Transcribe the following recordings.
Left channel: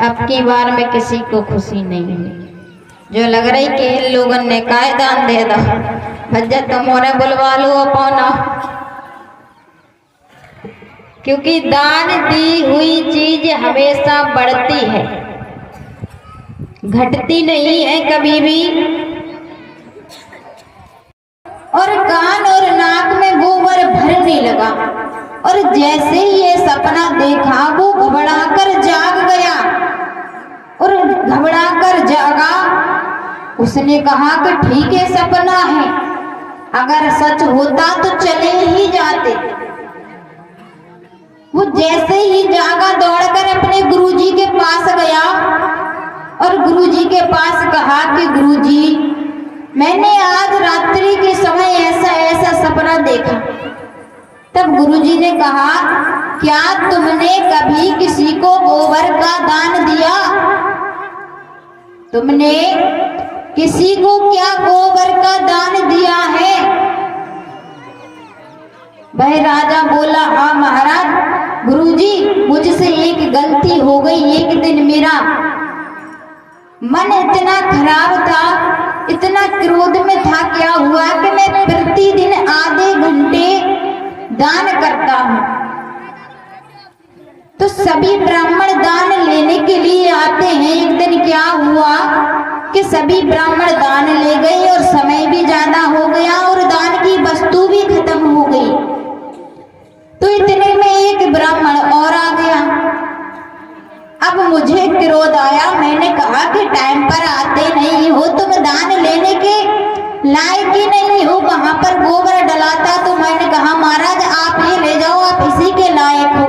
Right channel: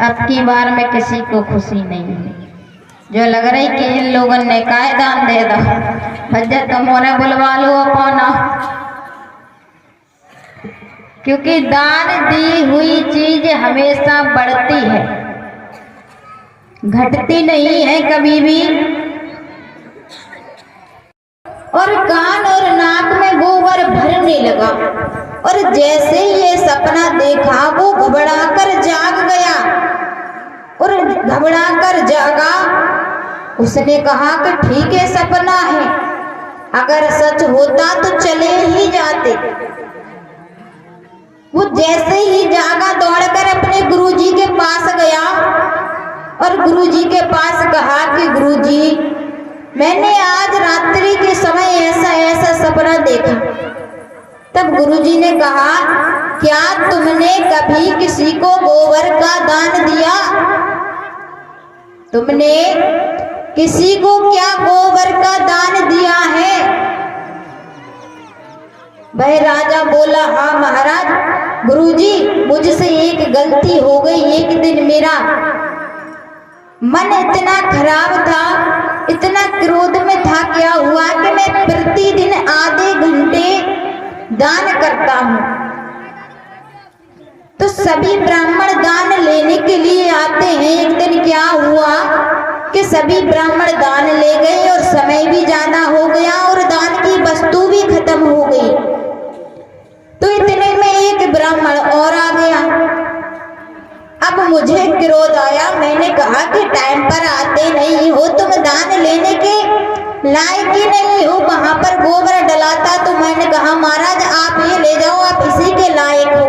अब की बार में किसी को खुशी नहीं है। जो लग रही कि इन लोगों ने काय दान दे दो, भज्जा तुम्हारा बुलवा लो अपना, क्योंकि दान दी हुई चीज हमेशा बढ़ती है, घटती नहीं है कभी भी। और कान और नाक में गोबर भरने लगा और जैसे ही ये सपना देखा वो घबराकर जाग गया और घबराकर जागा। उसने कहा कि ठीक है, सपना है, अगर सच होता तो चले ही जाते। वो जैसे ही जागा दौड़कर अपने गुरुजी के पास गया और गुरुजी के पास कहा कि गुरुजी, मैंने आज रात्रि के समय ऐसा ऐसा सपना देखा। तब गुरुजी ने कहा, क्या तुमने कभी किसी को गोबर का दान दिया? तुमने किसी को क्या गोबर का दान दिया है? वह राजा बोला, हाँ महाराज, गुरुजी मुझसे एक गलती हो गई। एक दिन मेरा मन इतना खराब था, इतना क्रोध में था, क्या हुआ कि मैं प्रतिदिन आधे घंटे दान करता हूँ। तो सभी ब्राह्मण दान लेने के लिए आते हैं। एक दिन क्या हुआ कि सभी ब्राह्मण दान ले गए और समय भी ज्यादा हो गया और दान की वस्तु भी खत्म हो गई। तो इतने में एक ब्राह्मण और आ गया। अब मुझे क्रोध आया, मैंने कहा कि टाइम पर आते नहीं हो, तुम दान लेने के लायक ही नहीं हो। वहां पर गोबर डलाता तो मैंने कहा, महाराज आप ये ले जाओ, आप इसी के लायक हो।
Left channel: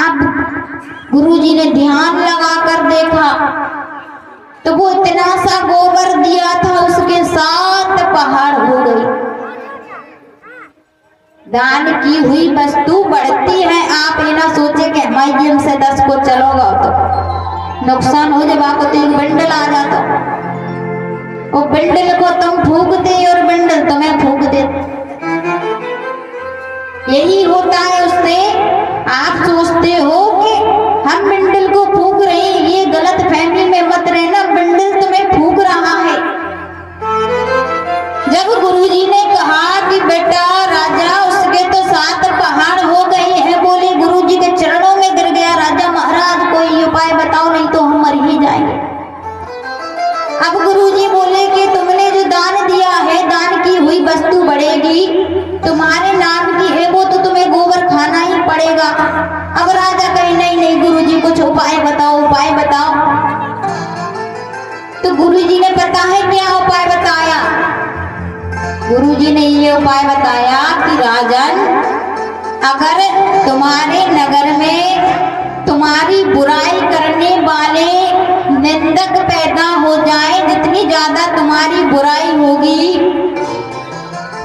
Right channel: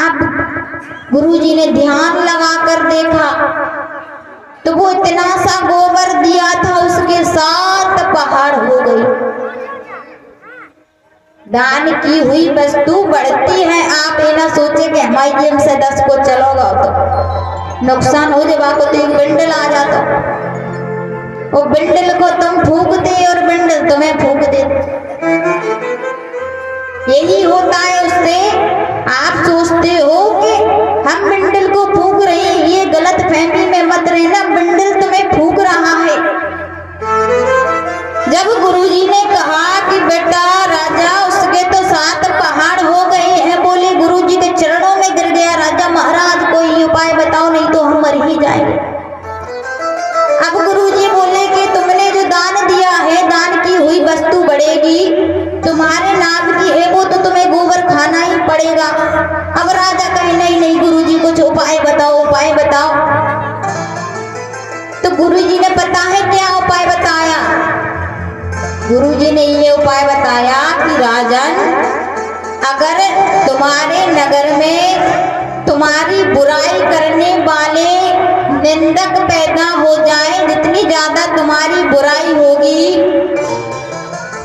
अब गुरुजी ने ध्यान लगाकर देखा तो वो इतना सा गोबर दिया था, उसके 7 पहाड़ हो गई। दान की हुई वस्तु बढ़ती है। आप ये ना सोचे कि हमारी जेब से 10 को चलोगा तो नुकसान हो जाएगा। तो एक बंडल आ जाता, वो बंडल को तुम फूकते और बंडल तुम्हें फूक दे। यही होता है उससे। आप सोचते हो कि हम बंडल को फूक रहे हैं, ये गलत फहमी में मत रहना, बंडल तुम्हें फूक रहा है। जब गुरुजी ने कहा कि बेटा राजा, उसके तो 7 पहाड़ हो गए हैं, बोले गुरुजी के चरणों में गिर गया, राजा महाराज कोई उपाय बताओ, नहीं तो हम मर ही जाएंगे। अब गुरुजी बोले कि तुमने जो दान दिया है, दान की हुई वस्तु बढ़ेगी, तुम्हारे नाम की है वो, तो तुम्हें गोबर खाना ही पड़ेगा। अब राजा कहे, नहीं नहीं गुरुजी कुछ उपाय बताओ, उपाय बताओ। तो गुरुजी ने पता है क्या उपाय बताया? गुरुजी ने ये उपाय बताया कि राजन, अगर तुम्हारे नगर में तुम्हारी बुराई करने वाले निंदक पैदा हो जाए, जितनी ज्यादा तुम्हारी बुराई होगी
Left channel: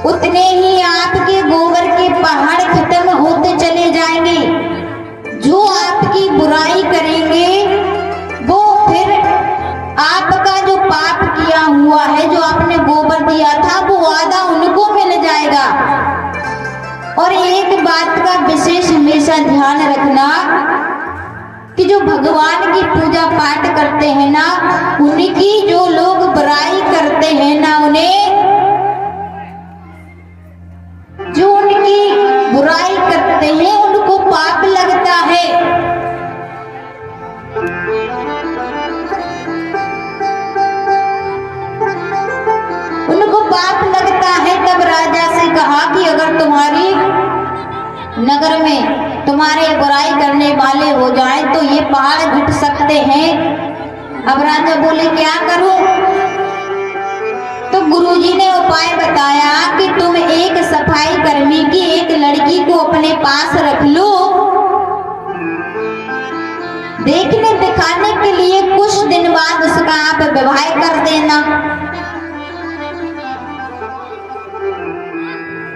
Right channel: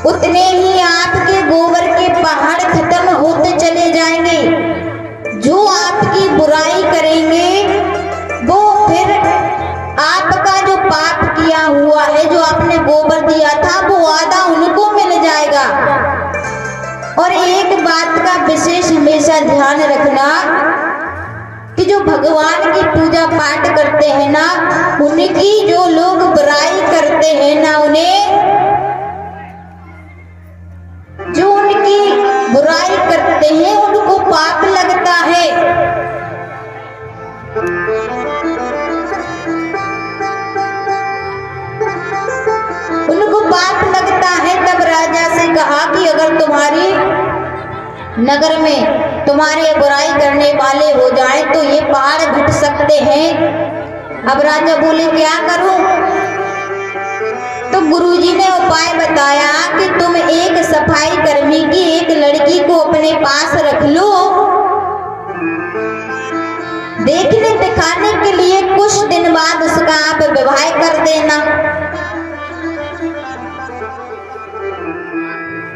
उतने ही आपके गोबर के पहाड़ खत्म होते चले जाएंगे। जो आपकी बुराई करेंगे वो फिर आपका जो पाप किया हुआ है, जो आपने गोबर दिया था, वो आधा उनको मिल जाएगा। और एक बात का विशेष हमेशा ध्यान रखना कि जो भगवान की पूजा पाठ करते हैं ना, उनकी जो लोग बुराई करते हैं ना, उन्हें जो उनकी बुराई करते हैं उनको पाप लगता है। उनको पाप लगता है। तब राजा से कहा कि अगर तुम्हारी नगर में तुम्हारे बुराई करने वाले हो जाएं तो ये पहाड़ घट सकते हैं। अब राजा बोले क्या करूं? तो गुरुजी ने उपाय बताया कि तुम एक सफाई कर्मी की एक लड़की को अपने पास रख लो, देखने दिखाने के लिए कुछ दिन बाद उसका आप विवाह कर देना।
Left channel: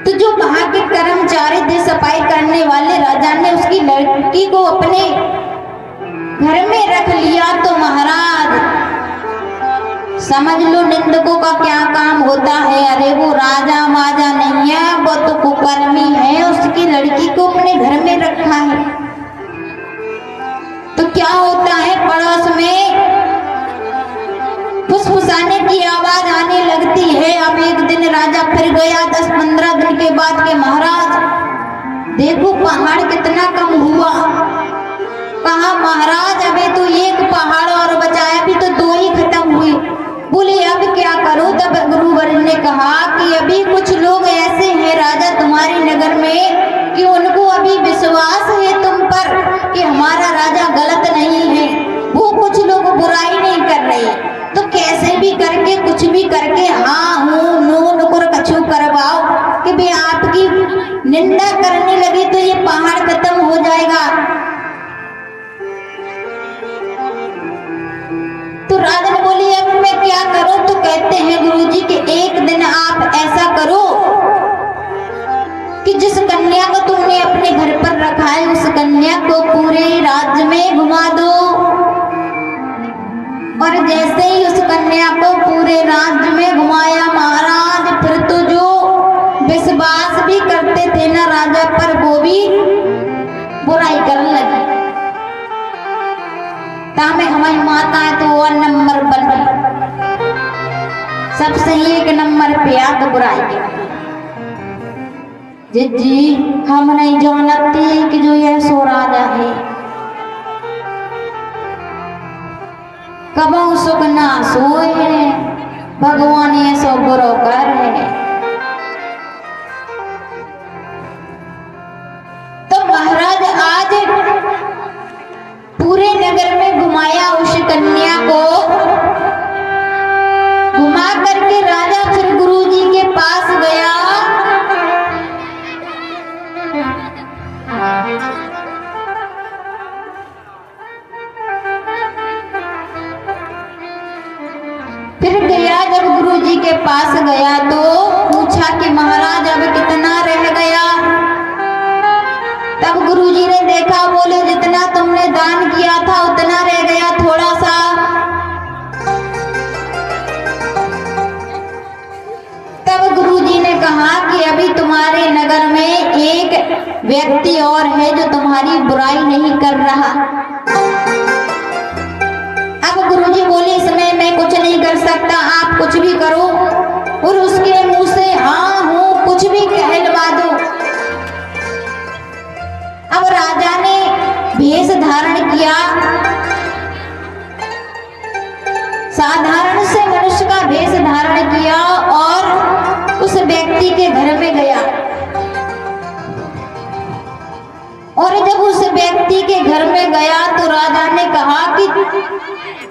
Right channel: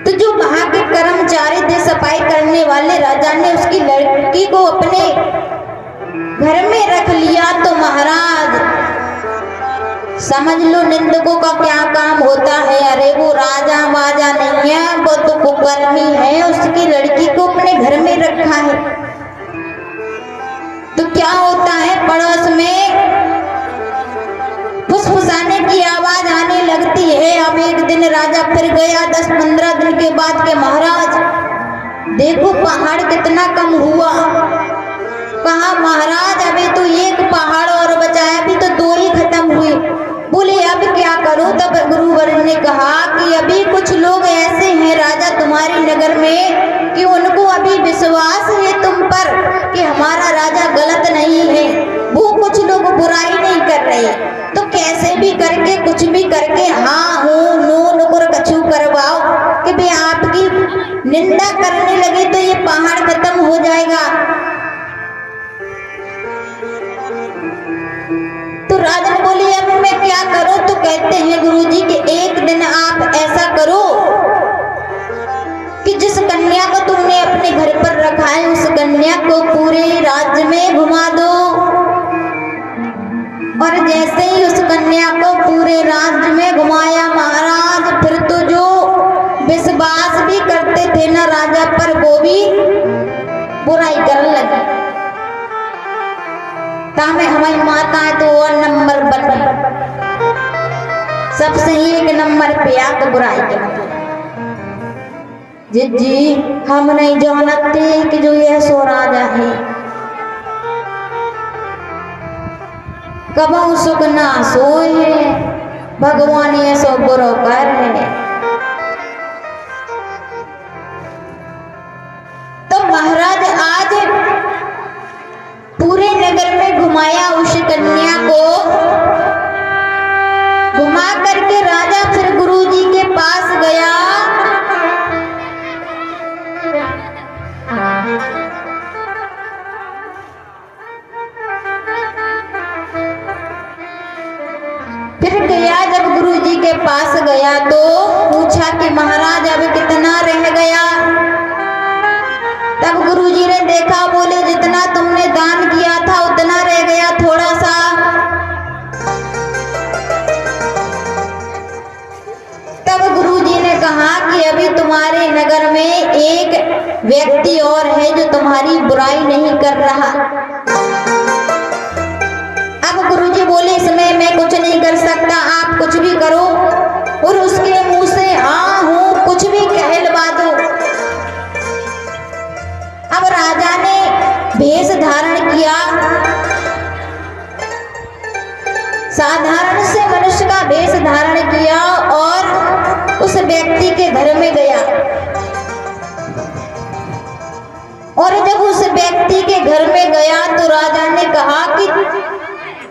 तो जो वहां के कर्मचारी थे, सफाई करने वाले, राजा ने उसकी लड़की को अपने घर में रख लिया। तो महाराज समझ लो निंदकों का क्या काम होता है। अरे वो राजा वाजा नहीं है, वो तो कुकर्मी है, उसकी लड़की को अपने घर में रखा है। तो क्या होता है, पड़ोस में फुसफुसाने की आवाज आने लगती है। अब एक दिन राजा फिर गया 10-15 दिन के बाद के महाराज देखो पहाड़ कितना कम हुआ। कहा महाराज अभी तो एक पहाड़ और बचा है, अभी तो 2 ही खत्म हुए। बोले अब क्या करूं? तब गुरुवर ने कहा कि अभी कुछ लोग ऐसे हैं राजा तुम्हारे नगर में कि उनको अभी विश्वास है तुम पर कि हमारा राजा गलत नहीं है। वो कुछ लोग बुराई नहीं कर रहे, तो कैसे भी करके कुछ भी करके हाँ हूँ नो नुकुर कछु करवाओ कि भी आपकी निंदा करने लगी तो ये पहाड़ खत्म हो जाएगा। तो राजन बोली अब मैं क्या करूं? तो कहते हैं गुरुजी कि एक दिन आप ऐसा करो कि जिस कन्या को तुमने अपने घर पर रखा है उस कन्या को पूरे राज्य में घुमा दो, और जैसे ही उस कन्या को पूरे राज्य में घुमाया महाराज, फिर तो जो विश्वास भी करते थे ना राजा पर वो भी बुराई करने लगे। तामे हमारी माता है तो और नंबर बन सबसे एक नंबर पे आप बुराई करते। जी हम नहीं जानते कि जो यह सो राजा है कबो सुख ना सोए, भगवान ये सो बुरो कर है। तो महाराज आज पूरे नगर में घुमाया उस कन्या को, घुमा करके राजा फिर गुरुजी के पास गया। फिर गया जब गुरुजी के पास गया तो पूछा कि महाराज अब कितना रह गया? तब गुरुजी ने देखा, बोले जितना तुमने दान किया था उतना रह गया, थोड़ा सा। तब गुरुजी ने कहा कि अभी तुम्हारे नगर में एक व्यक्ति और है जो तुम्हारी बुराई नहीं कर रहा। अब गुरुजी बोले इसमें मैं कुछ नहीं कर सकता, आप कुछ भी करो। और उसके मुंह से हाँ हूँ कुछ भी कहलवा दो। अब राजा ने भेष धारण किया, साधारण से मनुष्य का भेष धारण किया और उस व्यक्ति के घर में गया। और जब उस व्यक्ति के घर में गया तो राजा ने कहा कि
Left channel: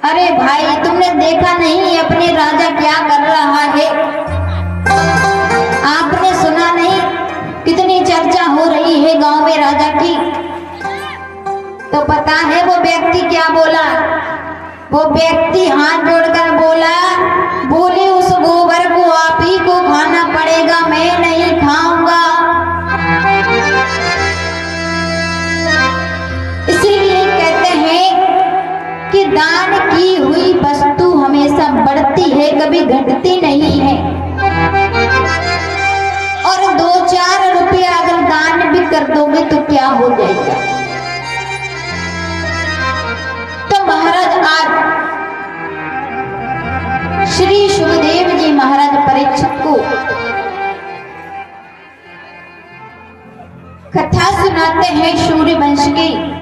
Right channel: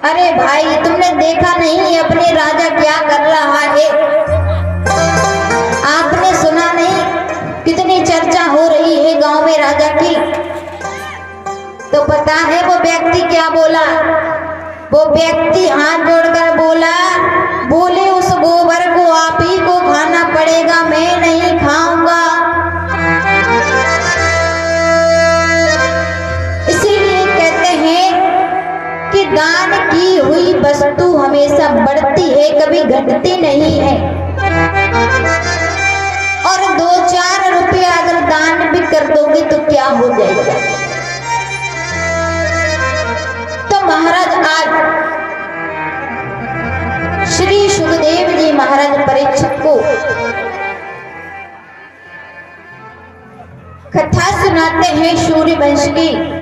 अरे भाई तुमने देखा नहीं अपने राजा क्या कर रहा है? आपने सुना नहीं कितनी चर्चा हो रही है गांव में राजा की? तो पता है वो व्यक्ति क्या बोला? वो व्यक्ति हाथ जोड़कर बोला, बोले उस गोबर को आप ही को खाना पड़ेगा, मैं नहीं खाऊंगा। इसीलिए कहते हैं कि दान की हुई वस्तु हमेशा बढ़ती है, कभी घटती नहीं है। और 2-4 रुपया अगर दान भी कर दोगे तो क्या हो जाएगा? तो महाराज आज श्री सुखदेव जी महाराज परीक्षित को कथा सुनाते हैं सूर्यवंश की।